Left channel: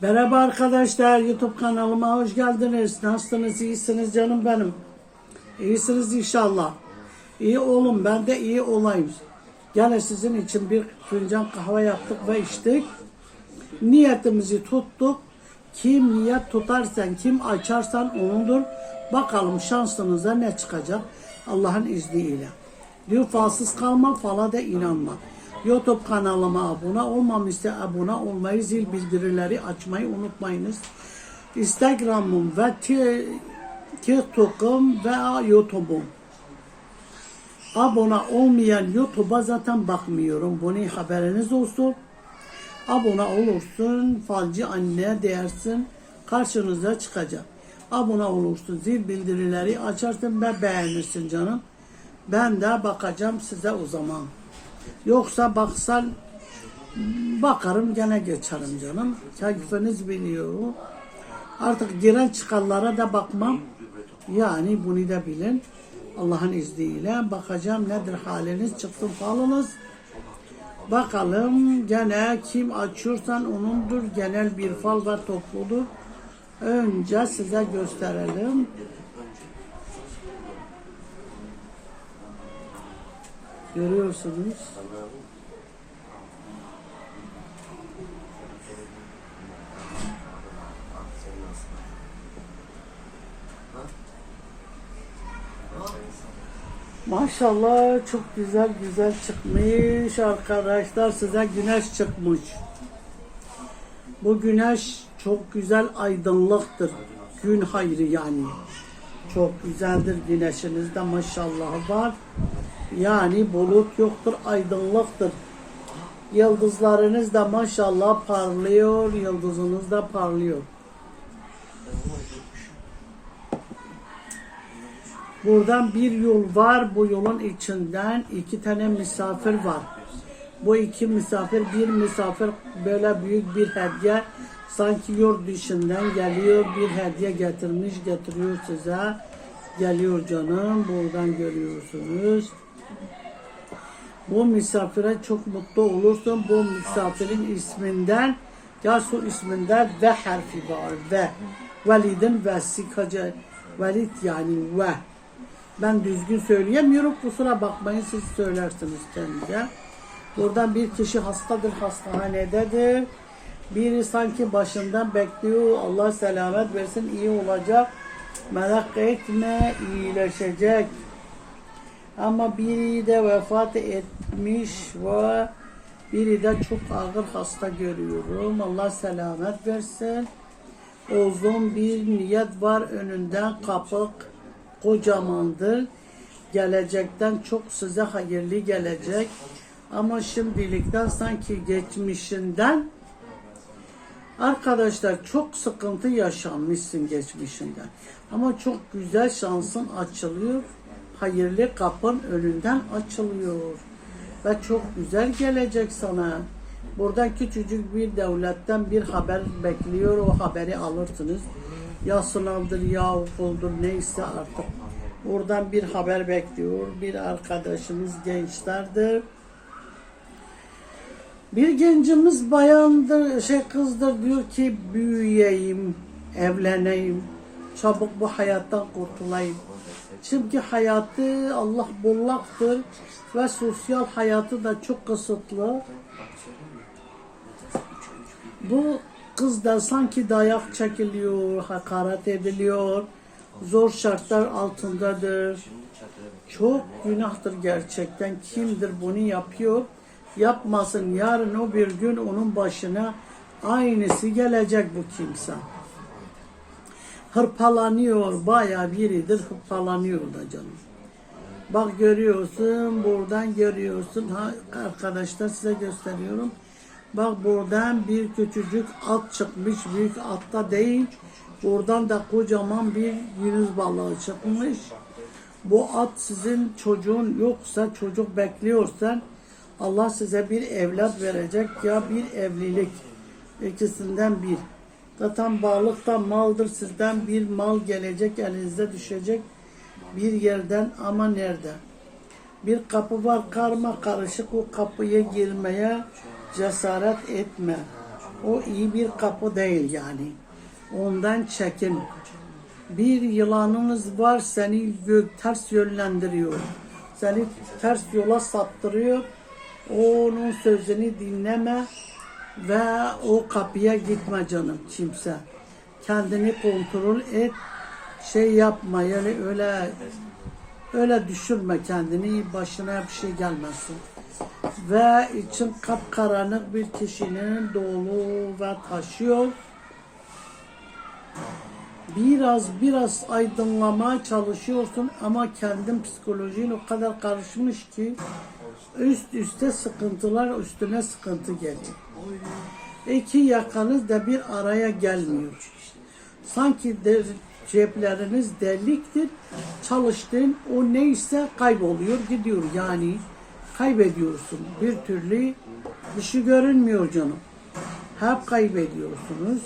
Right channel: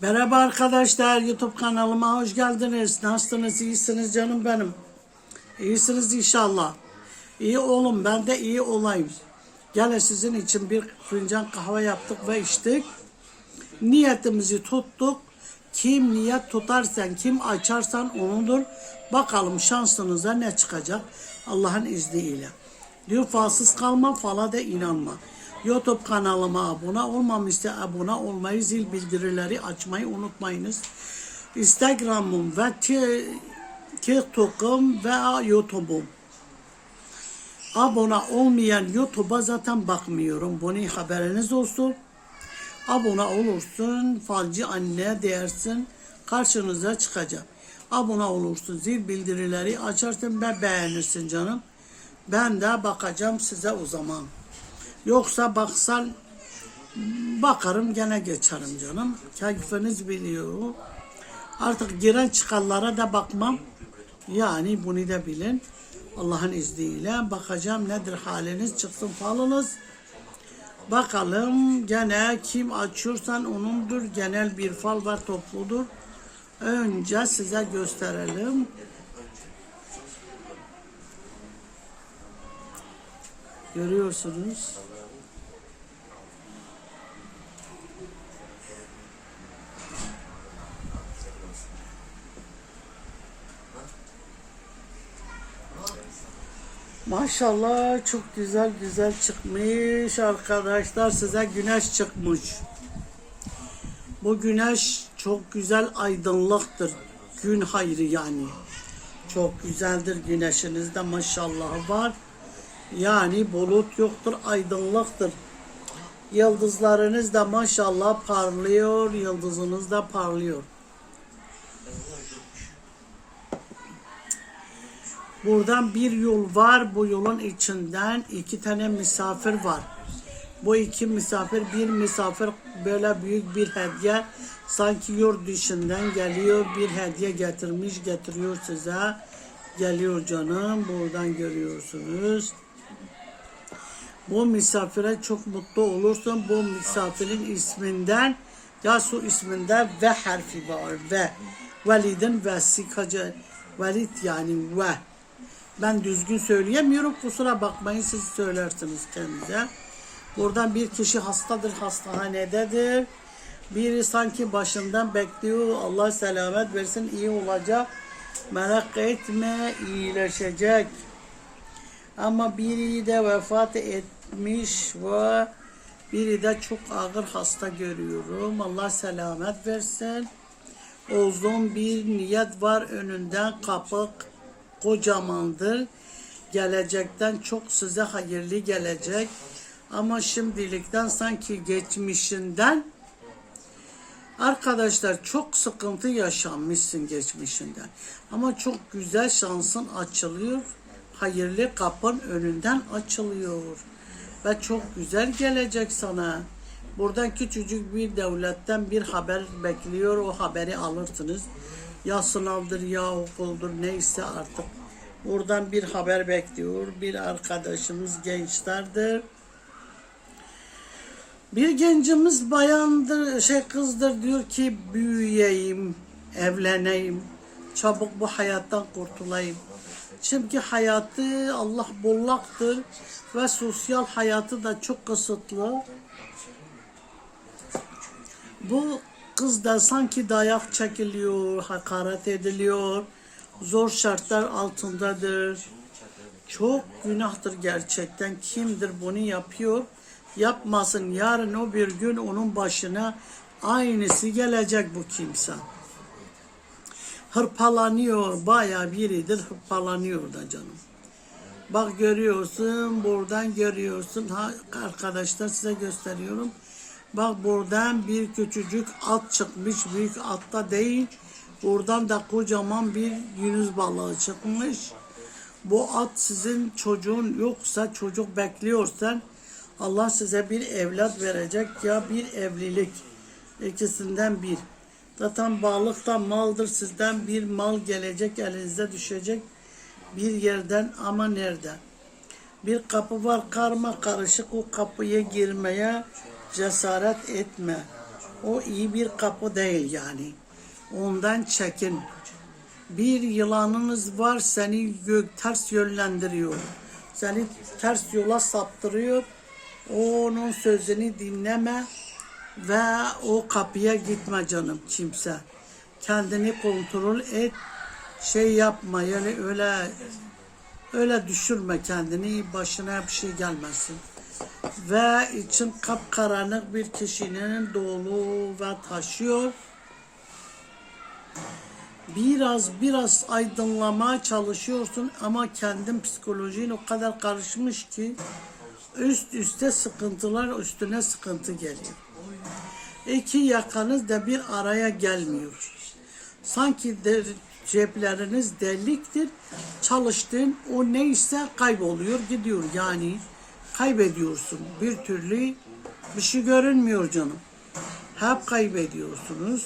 Merhaba arkadaşlar, YouTube kanalıma hoş geldiniz. Nasılsınız, iyisiniz canım benim. İyisiniz inşallah. İyi olun, ben de iyi olayım. Gene sizin için bir fincan kahve yaptık ve içtik. Niyetimizi tuttuk. Kim niyet tutarsan, kim açarsan onundur. Bakalım şansınıza ne çıkacak Allah'ın izniyle. Diyor falsız kalma, fala da inanma. YouTube kanalıma abone olmamışsa abone olmayı, zil bildirileri açmayı unutmayınız. Instagram'ım ve Ti- TikTok'um ve YouTube'um. Abone olmayan YouTube'a zaten bakmıyorum. Bunu haberiniz olsun. Abone olursun, falcı anne dersin, karşınıza çıkacak. Abone olursun, zil bildirileri açarsın ve beğenirsin canım. Ben de bakacağım size o zaman. Yoksa baksan bakarım gene geçerim canım. Keyfiniz biliyor. Artık giren çıkanlara da bakmam. Yani bunu da bilin. Allah'ın izniyle bakacağım nedir haliniz çıksın falınız. Bakalım gene kim açıyorsan onundur. Genel bir fal var topludur. Önce size gösterelim. Görüyorsunuz. Maşallah çok güzel güzel çıkmış arkadaşlar size güneş çıkmış. Bu güneş çok güzel aydınlıktır. Gün hayrı yani. Çok güzeldir güneşinizde maşallah var. Yani bulut yoktur, aydınlıktır. Yıldızlarınız da maşallah parlıyor, yıldızınız da parlıyor. Buradan bir yol var. Bu yolun içinden iki tane misafir var. Bu iki misafir, bir misafir böyle büyük bir hediye sanki yurt dışından geliyor. Bir hediye getirmiş, getiriyor size. Geliyor canım. Buradan görüyorsunuz. Bu misafire çok mutlu olursun. Bu misafirin isminden Yasu isminde ve harfi var. Ve. Velidin ve sikacı. Velid yani ve. Ben düzgün söyleyemiyorum. Kusura bakmayın siz söylersiniz kendinize. Buradan bir kişi hastadır, hastahanededir. Biri sanki başından bekliyor. Allah selamet versin, iyi olacak. Merak etme, iyileşecek. Ama biri de vefat etmiş ve biri de çok ağır hasta görüyorum. Allah selamet versin. Uzun bir niyet var önünden kapı kocamandır. Gelecekten çok size hayırlı gelecek. Ama şimdilikten sanki geçmişinden Arkadaşlar çok sıkıntı yaşanmışsın geçmişinden. Ama çok güzel şansın açılıyor. Hayırlı kapın önünden açılıyor. Ve çok güzel gelecek sana. Buradan küçücük bir devletten bir haber bekliyor. O haberi alırsınız. Ya sınavdır ya okuldur neyse artık. Buradan bir haber bekliyor. Bir arkadaşımız gençlerdir. Bir gencimiz bayandır, şey kızdır diyor ki büyüyeyim, evleneyim, çabuk bu hayattan kurtulayım. Çünkü hayatı Allah bollaktır ve sosyal hayatı da çok kısıtlı. Bu kız da sanki dayak çekiliyor, hakaret ediliyor, zor şartlar altındadır. Çok günahtır gerçekten. Kimdir bunu yapıyor? Yapmasın. Yarın o bir gün onun başına aynısı gelecek bu kimse. Hırpalanıyor. Bayağı biridir hırpalanıyor da canım. Bak görüyorsun, buradan görüyorsun. Ha, arkadaşlar size gösteriyorum. Bak buradan bir küçücük at çıkmış. Büyük atta değil. Buradan da kocaman bir yunus balığı çıkmış. Bu at sizin çocuğun yoksa çocuk bekliyorsan Allah size bir evlat verecek ya bir evlilik. ikisinden bir. Zaten balık da maldır sizden bir mal gelecek elinize düşecek bir yerden ama nerede? Bir kapı var karma karışık o kapıya girmeye cesaret etme. O iyi bir kapı değil yani. Ondan çekin. Bir yılanınız var seni gö- ters yönlendiriyor. Seni ters yola saptırıyor. Onun sözünü dinleme ve o kapıya gitme canım kimse. Kendini kontrol et. Şey yapma yani öyle öyle düşürme kendini başına bir şey gelmesin. Ve için kapkaranlık bir kişinin dolu ve taşıyor biraz biraz aydınlamaya çalışıyorsun ama kendin psikolojin o kadar karışmış ki üst üste sıkıntılar üstüne sıkıntı geliyor. İki yakanız da bir araya gelmiyor. Sanki de cepleriniz deliktir. Çalıştığın o neyse kayboluyor gidiyor yani kaybediyorsun. Bir türlü bir şey görünmüyor canım. Hep kaybediyorsunuz.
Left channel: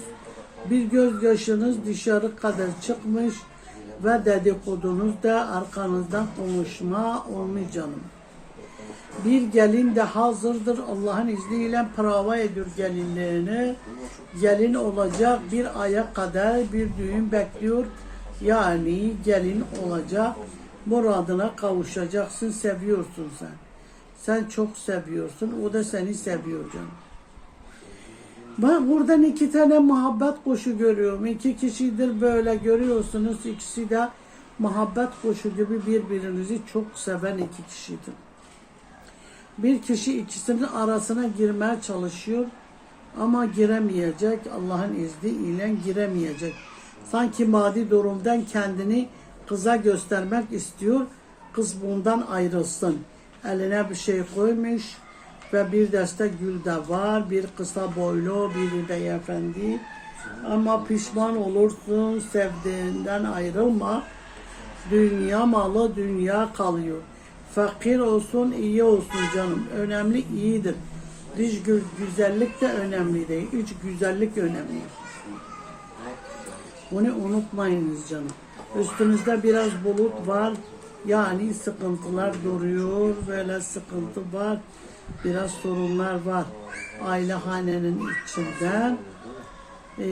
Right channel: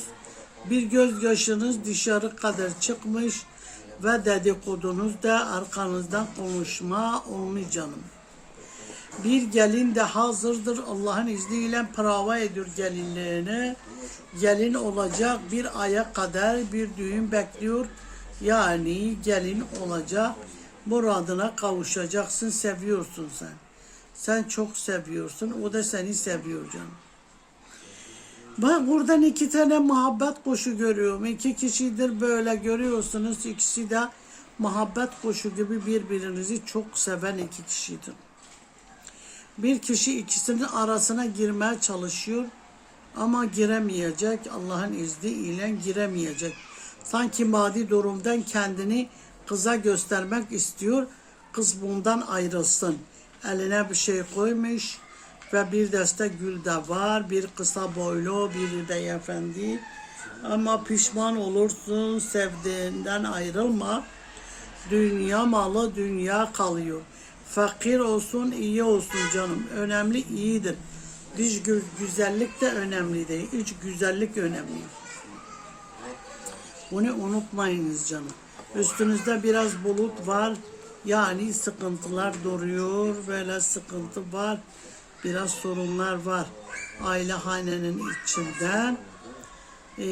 Bir gözyaşınız dışarı kadar çıkmış ve dedikodunuz da arkanızdan konuşma olmuş canım. Bir gelin de hazırdır Allah'ın izniyle prava ediyor gelinlerini. Gelin olacak bir aya kadar bir düğün bekliyor. Yani gelin olacak. Muradına kavuşacaksın, seviyorsun sen. Sen çok seviyorsun, o da seni seviyor canım. Ben buradan iki tane muhabbet kuşu görüyorum. İki kişidir böyle görüyorsunuz. İkisi de muhabbet kuşu gibi birbirinizi çok seven iki kişidir. Bir kişi ikisinin arasına girmeye çalışıyor ama giremeyecek. Allah'ın izniyle giremeyecek. Sanki maddi durumdan kendini kıza göstermek istiyor. Kız bundan ayrılsın. Eline bir şey koymuş ve bir deste gül de var. Bir kısa boylu, biri de efendi. Ama pişman olursun, sevdiğinden ayrılma. Dünya malı dünya kalıyor. Fakir olsun, iyi olsun canım. Önemli iyidir. Dış gü- güzellik de önemli değil. İç güzellik önemli. Bunu unutmayınız canım. Üstünüzde biraz bulut var. Yani sıkıntılar duruyor. Böyle sıkıntı var. Biraz sorunlar var. Aile hanenin içinden. Ee,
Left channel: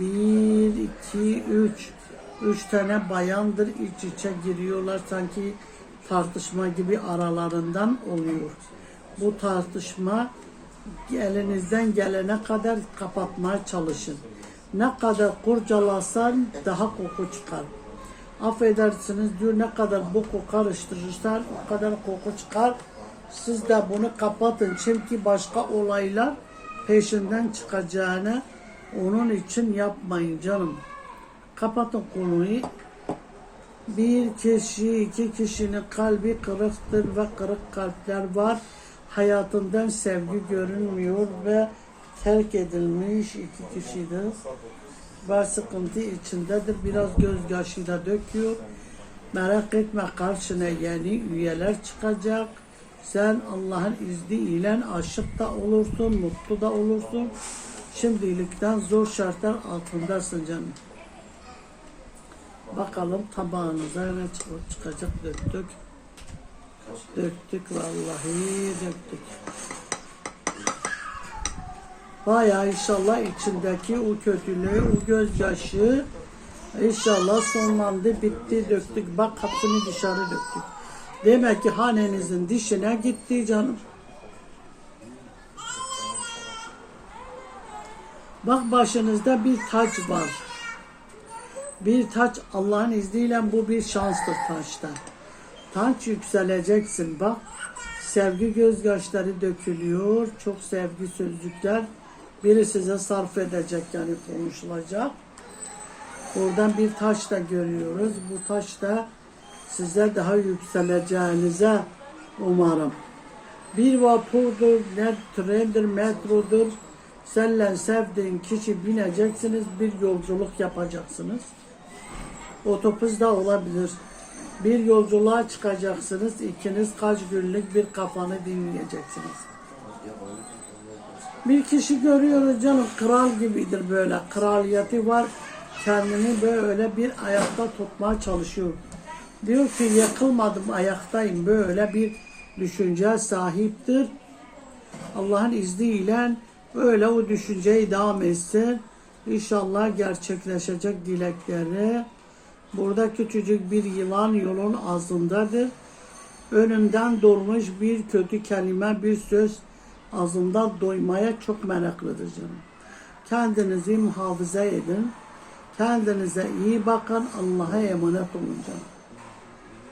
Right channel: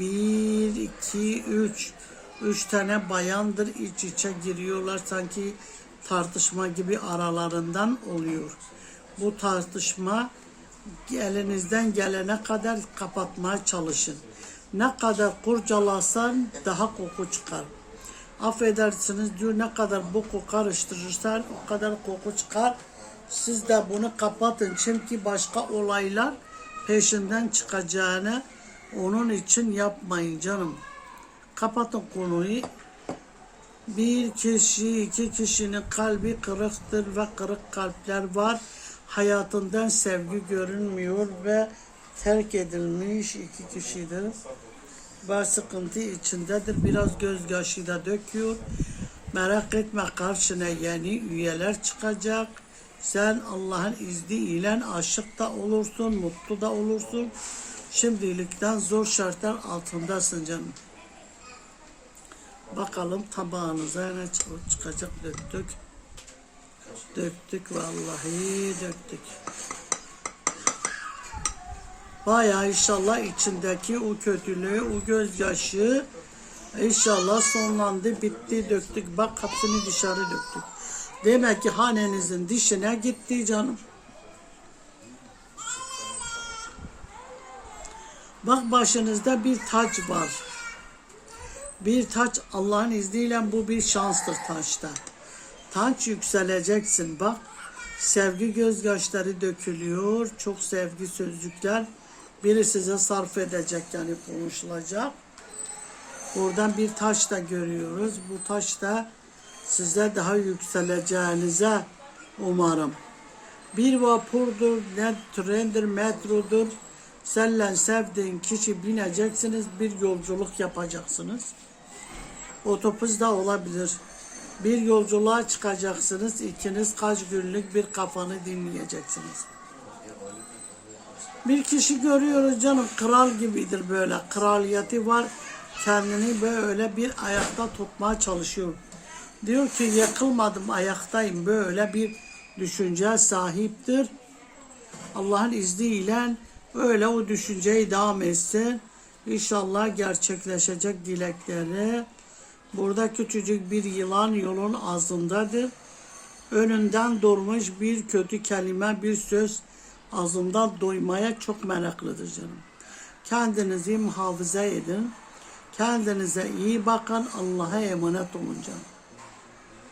bir, iki, üç. Üç tane bayandır iç içe giriyorlar. Sanki tartışma gibi aralarından oluyor. Bu tartışma elinizden gelene kadar kapatmaya çalışın. Ne kadar kurcalasan daha koku çıkar. Affedersiniz diyor ne kadar bu koku karıştırırsan o kadar koku çıkar. Siz de bunu kapatın çünkü başka olaylar peşinden çıkacağını onun için yapmayın canım. Kapatın konuyu. Bir kişi, iki kişinin kalbi kırıktır ve kırık kalpler var. Hayatından sevgi görünmüyor ve terk edilmiş iki kişidir. Ve sıkıntı içindedir. Biraz gözyaşı da döküyor. Merak etme karşına yeni üyeler çıkacak. Sen Allah'ın izniyle aşık da olursun, mutlu da olursun. Şimdilikten zor şartlar altındasın canım. Bakalım tabağınıza ne çık- çıkacak döktük. Döktük vallahi döktük. Bayağı inşallah içindeki o kötülüğü, o gözyaşı inşallah sonlandı, bitti, döktük. Bak hepsini dışarı döktük. Demek ki hanenizin dişine gitti canım. Bak başınızda bir taç var. Bir taç Allah'ın izniyle bu bir şanstır taçta. Taç yükseleceksin bak. Sevgi gözyaşları dökülüyor. Çok sevgi sözcükler. Biri size sarf edecek yani konuşulacak. Oradan bir taş da görüyoruz. Bu taş da size daha yükseleceğinize umarım. Bir vapurdur, ne trendir, metrodur. Senle sevdiğin kişi bineceksiniz, bir yolculuk yapacaksınız. Otobüs de olabilir. Bir yolculuğa çıkacaksınız, ikiniz kaç günlük bir kafanı dinleyeceksiniz. Bir kişi görüyoruz canım, kral gibidir böyle, kraliyeti var. Kendini böyle bir ayakta tutmaya çalışıyor. Diyor ki yakılmadım, ayaktayım. Böyle bir düşünce sahiptir. Allah'ın izniyle Öyle o düşünceyi devam etsin. İnşallah gerçekleşecek dilekleri. Burada küçücük bir yılan yolun ağzındadır. Önünden durmuş bir kötü kelime, bir söz ağzından doymaya çok meraklıdır canım. Kendinizi muhafaza edin. Kendinize iyi bakın. Allah'a emanet olun canım.